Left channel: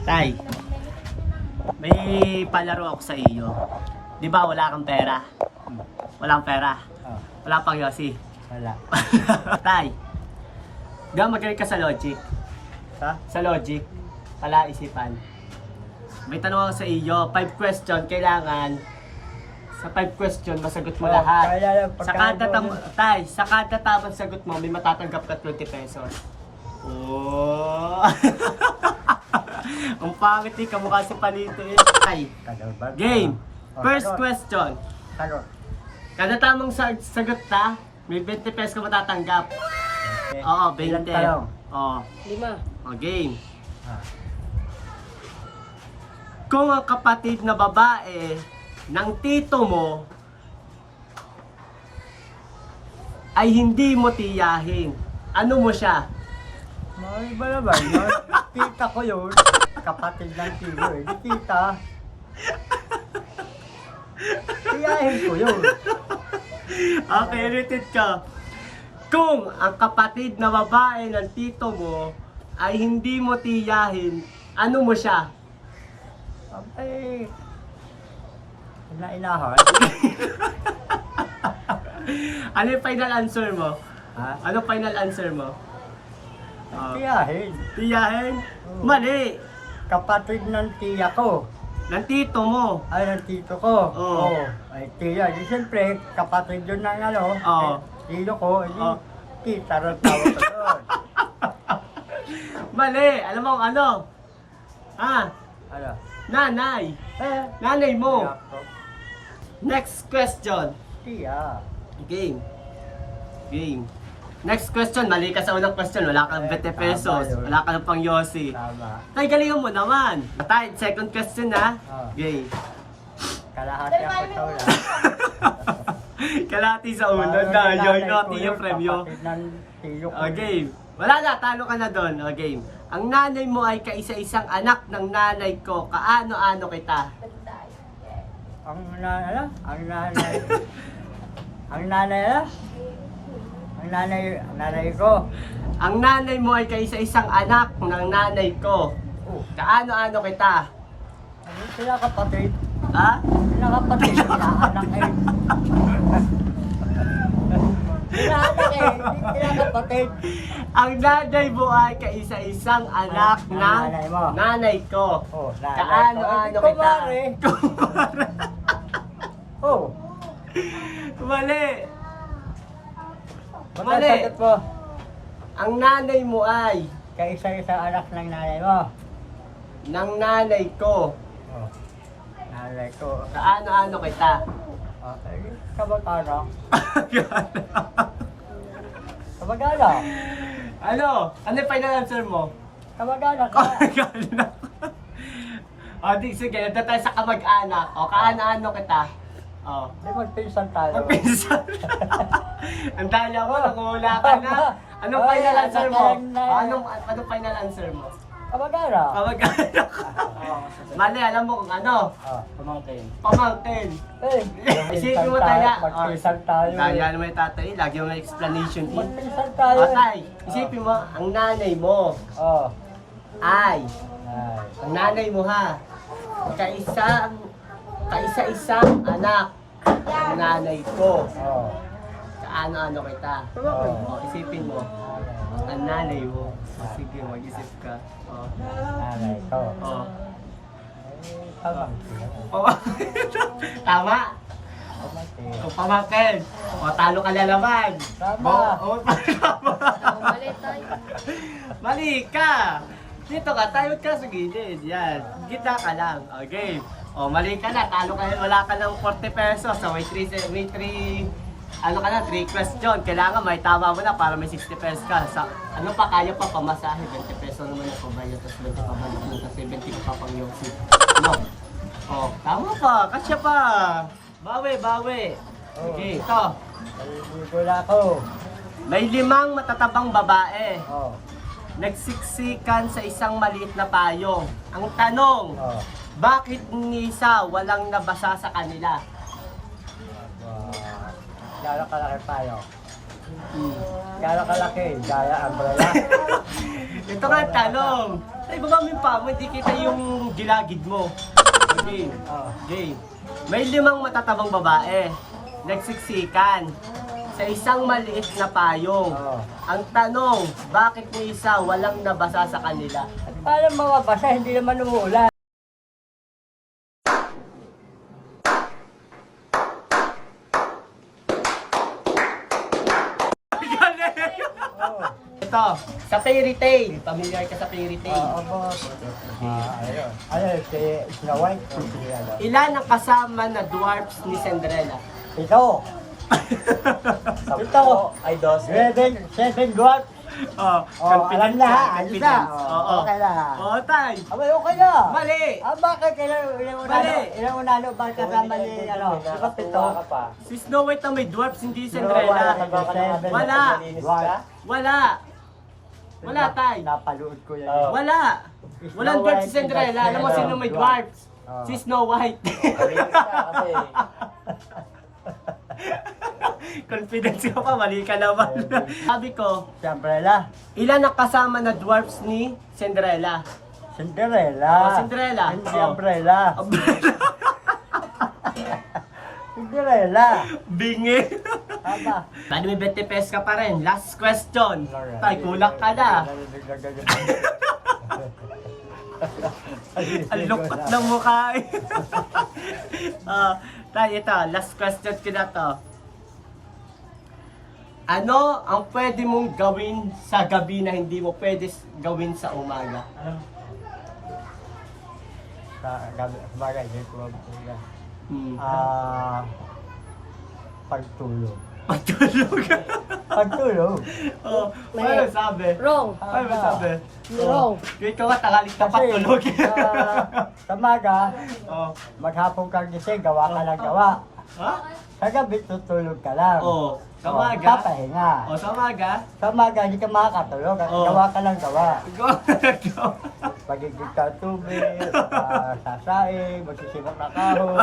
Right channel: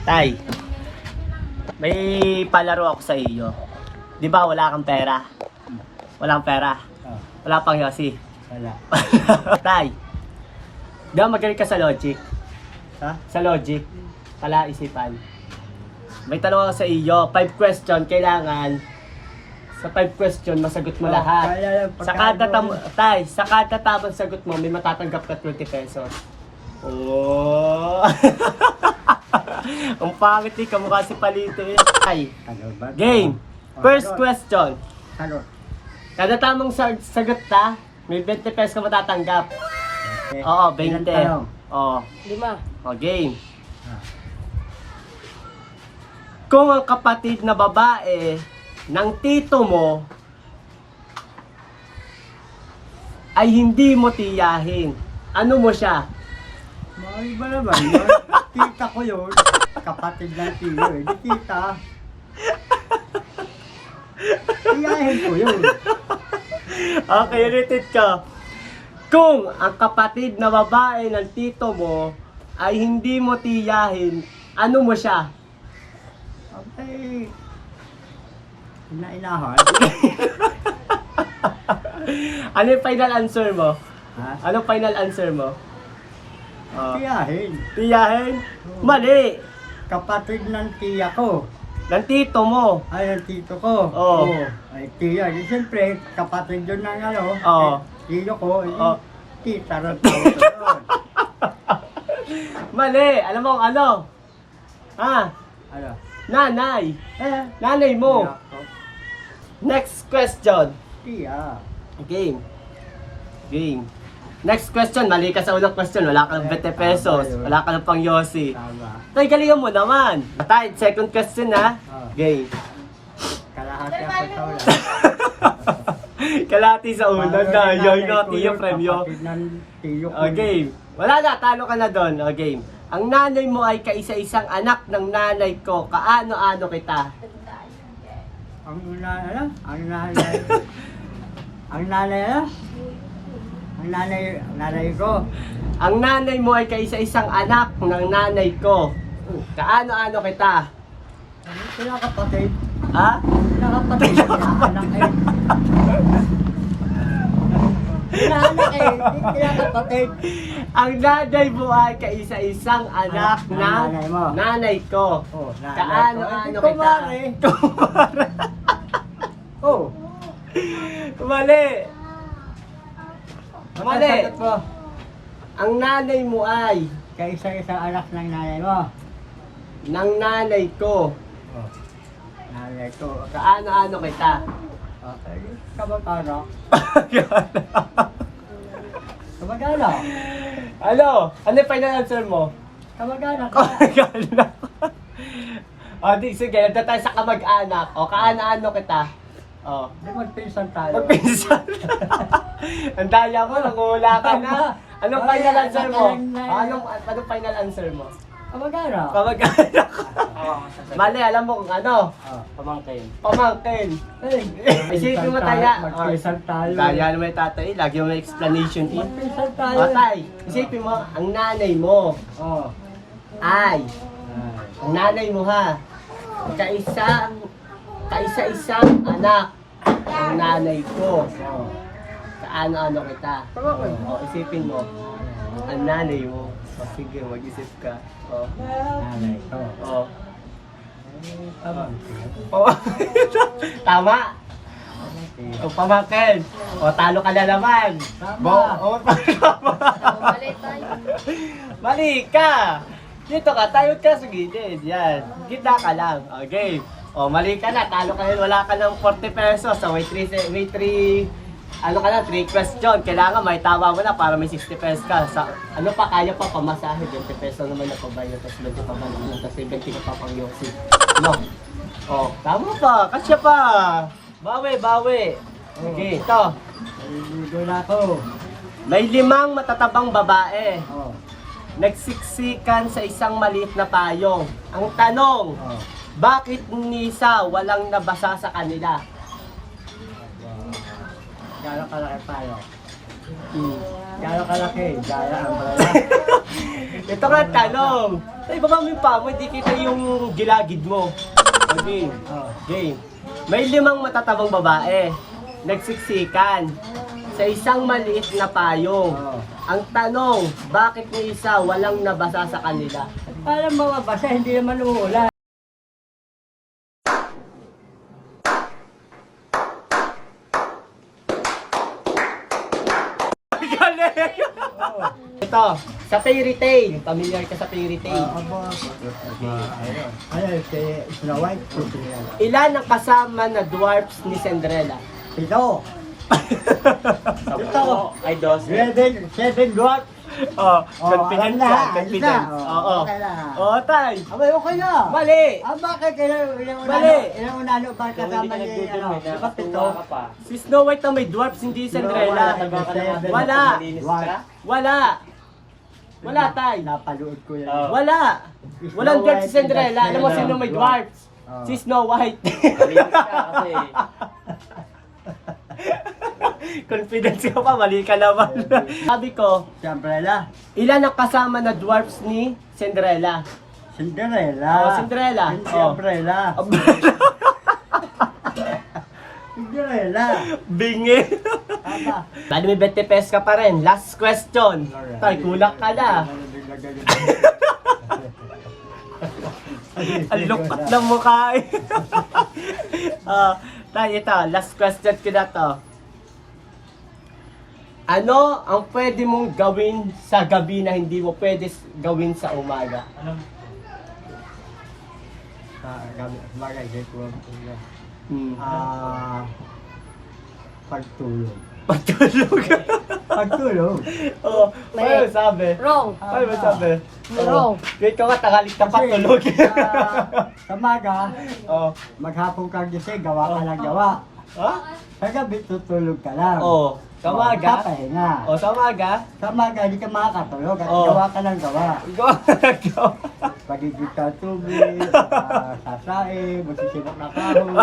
Tay, may palaro ako sa iyo. Di ba wala kang pera? Walang pera. Oh, Wala pang yosi. wala. Tay, di ba magaling ka sa logic? Ha? Sa logic, palaisipan. May tanong ako sa iyo, 5 question, kailangan sa 5 question masagot mo lahat. Sa kada tay, sa kada tamang sagot mo, may matatanggap ka 20 pesos. Oh. Ang pangit eh, kamukha si Palito eh. Ay, game. First question. Talot. Kada tamang sagot ta, may 20 pesos ka matatanggap. Oo, 20. Oo. 5. O, game. Ah. Kung ang kapatid na babae ng tito mo ay hindi mo tiyahin, ano mo siya? May ba naman yun? Tita ko yun. Kapatid ng tiyo eh. Di tita. Tiyahin ko yun. Okay, repeat ka. Kung ang kapatid na babae ng tito mo ay hindi mo tiyahin, ano mo siya? Okay. Inainahan. Ano yung final answer mo? Ha? Anong final answer mo? Tiyahin. Tiyahin? Oo. Mali! Kapatid ng tiya ko. Ng tito mo. Ay, ng tito ko. Oo. Ay, tiya. Di siyempre, kapatid yun ng ano. Oo. Tito ko. Oo. Tita rin tawag ko yun. Mali! Alam mo kung ano? Ha? Ano? Nanay! Eh. Nanay mo! Nako. Next question. Tiya. Game. Game. Next question, mali ka sa unang question, wala ka ng 20 pesos, tama yun. wala ka ng pang yosi. Tama. Tay, galingan mo naman. Tay, second question ha. Oh. Game. Kalahati ako sa wala. Kalahati sa una na, yoy no, tiyo premyo. Kapatid ng tiyo ko. O, game. Wala na, talo ka na doon. O, game. Ang nanay mo ay kaisa-isang anak ng nanay ko. Kaano-ano kita? Ang nanay, ang nanay, ang nanay, ang nanay ko. Ang nanay mo ay kaisa-isang anak ng nanay ko. Oh, Kaano-ano kita? ano sila kapatid? Ha? Sila kapatid, sila anak eh. Sila anak eh, sila kapatid. Ang nanay mo ay kaisa-isang anak Ng ng nanay mo. nanay ko. Oh, nanay Kaano-ano ko. Eh, kita? kumare. Oh, Mali. Mali. matasagot mo. Ang nanay mo ay Kaisa-isang anak ng nanay mo. ng nanay ko. Oh, nanay ko. Kaano-ano kita? Okay, kamag-anak. Kamag-anak. Ano? Ano yung final answer mo? Kamag-anak. Kamag-anak. O, di, sige, nandun tayo sa kamag-anak. O, kaano-ano kita? O, Di magpinsan tayo. magpinsan. Ang daya mo, nangula ka na. Anong final answer mo? O, anong final answer mo? Kamag-anak. Kamag-anak. Mali, alam mo kung ano? Ah, Pamangkin. Pamangkin. eh, Isipin mo tayo. Magpinsan tayo. Daya naman yung tatay, lagi mo may explanation. Magpinsan tayo. O, tay, isipin mo, ang nanay mo Oh. ay, Ay. ang nanay mo ha, kaisa-isang anak ng nanay ko. Oh. Kaano-ano kita? Oh. O, isipin mo, ang nanay mo. O, sige, mag-isip ka. O, Nanay ko. o. Ay, tama. Tama? Tama. O, pamangkin. O, talo ka na naman. Tama. O, tama. Mali ka. Dito ka, tayo ka sa gilid. Yan. Gitna ka lang. Okay. O, mali ka na. Talo ka na. Wala ka ng 40 pesos. So, may 3, ano ka na, 3 question. Kailangan may tama mo na para may 60 pesos ka. Sa, ano pa, kaya pa pamasahe. 20 pesos naman na pabayan. Tapos 20 pa balik mo. Tapos 20 ka pa pang yosi. No. O, tama pa. Kasya pa. Bawi, bawi. Okay, ito. Ay, wala ko. May 5 matatabang babae. Oh. Nagsiksikan sa isang maliit na payong. Ang tanong, Oh. bakit ni isa walang nabasa sa kanila? Aba. Gano'ng kalaki tayo? Gano'ng kalaki? Gaya umbrella. Ito nga ang tanong. Tay, baba mo yung paa mo, hindi kita yung gilagid mo. Okay. Okay. May 5 matatabang babae. Nagsiksikan sa isang maliit na payong. Ang tanong, bakit yung isa walang nabasa sa kanila? Para mababasa, hindi naman umuulan. Galing! Ito, sa fairy tale. Familiar ka sa fairy tale. Boss. Ayun. Ayun, si Snow White. Ilan ang kasama na dwarfs ni Cinderella? Ito. Ito. Ay, 12. Seven dwarf. Confident alam na, ka, ayos confident. na. Oo. Okay na. Oo, tay. Abay, okay na. Mali. Bakit Mali. ilang unano ba kasama ni, ano, di ba pito? Si Snow White ang may dwarfs, hindi Cinderella. Seven. Wala. Dwarf. Wala. Wala, tay. Napalood ko yan. Wala. Walang Snow dwarf si White, Cinderella. Alam mo sino may dwarfs? Si Snow White. Confidence ka pa, mali ka naman. Sabi ko, Si Umbrella. ilan ang kasama na dwarfs ni Cinderella? Cinderella. Cinderella. Si Umbrella. Cinderella. Bingi. Tama. Bali may 20 pesos ka pa rin. Last question. Tay, kulak ka na. Ang lukot ng mukha eh. Tay, ito. Last question ko na to. Ano ang pwede mong gawin sa gabi na hindi mo pwede gawin sa umaga? Sa gabi, bagay, dito. Hmm. Pagtulog. Pagtulog. Pagtulog. Oo. Paano sabi? Wrong. Paano sabi? Wrong. Kaya ikaw nga tangalit na patulog. Sa maga, Oo. maghapon ka gising, gawa ka lang gawa. Ha? Sa gabi, tutulog ka lang. Oo. Sa maga? Papahinga. O sa maga? Sa maga, hindi ka makakatulog at Oo. gawa ka lang gawa. Ikaw. Pagiging sa tubig, sasae, magsisibok na kahoy.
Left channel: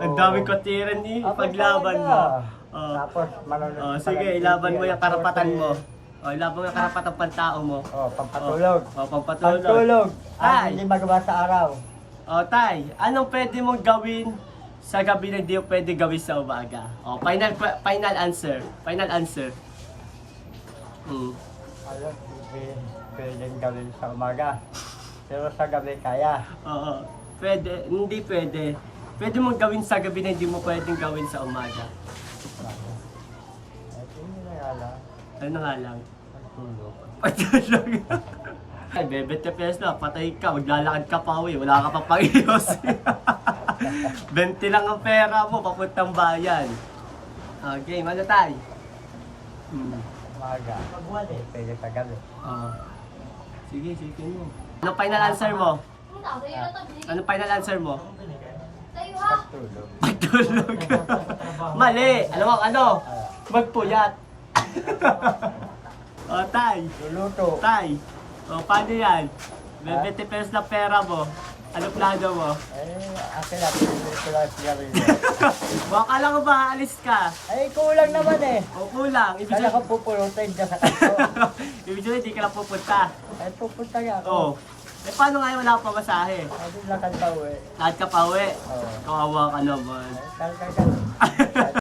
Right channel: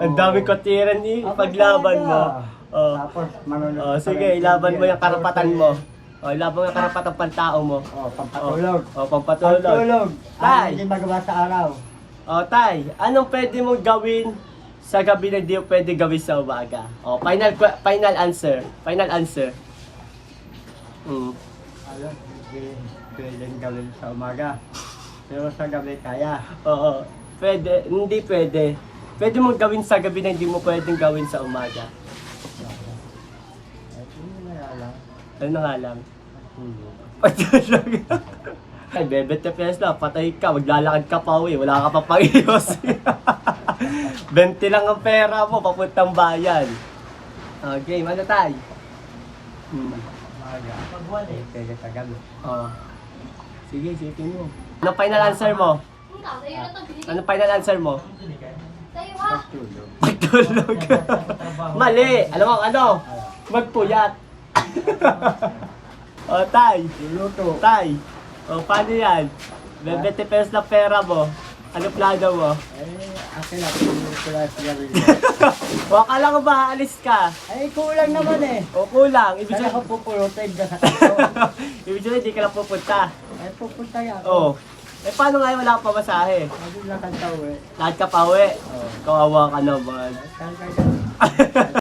Ang daming kotiran eh. Paglaban mo. Oh. Tapos, manonood. Oh, ka sige, lang ilaban TV, mo yung karapatan mo. Oh, ilaban mo yung karapatan pantao mo. Pampatulog. Oh, pampatulog. Pagtulog. Tay. Hindi magawa sa araw. Oh, tay, anong pwede mong gawin sa gabi na hindi mo pwede gawin sa umaga? Oh, final answer. Final answer. Alam, hindi pwedeng gawin sa umaga. Pero sa gabi kaya. Oo. Pwede, hindi pwede. Pwede mong gawin sa gabi na hindi mo pwedeng gawin sa umaga. Ay, hindi na alam. Ano na nga lang? Pagtulog. Pagtulog. Ay, bebe te pesos na, patay ka, maglalakad ka pa uwi, wala ka pa pang-iyos. 20 lang ang pera mo, papuntang bayan. Okay, ano tayo? Umaga. Pwede sa gabi. Sige, isipin mo. Anong final answer mo? Anong final answer mo? Pagtulog. Pagtulog. Mali! Alam mo ano? Magpuyat. Tay. Luluto. Tay. Paano yan? 20 pesos na pera mo. Ano plano mo? Akin na, pinuto lang siya rin. Huwag ka lang ba, alis ka. Ay, kulang naman eh. O kulang. Ibig Saan sabihin, ako pupulutin dyan sa kanto? ibig sabihin, hindi ka lang pupunta. Ay, pupunta yan. Oo. Eh, paano nga yun? Wala ka pa masahe? Sabi lang kanta uwi. Lahat ka pa uwi. Oo. Kawawa ka naman. Ay, kaya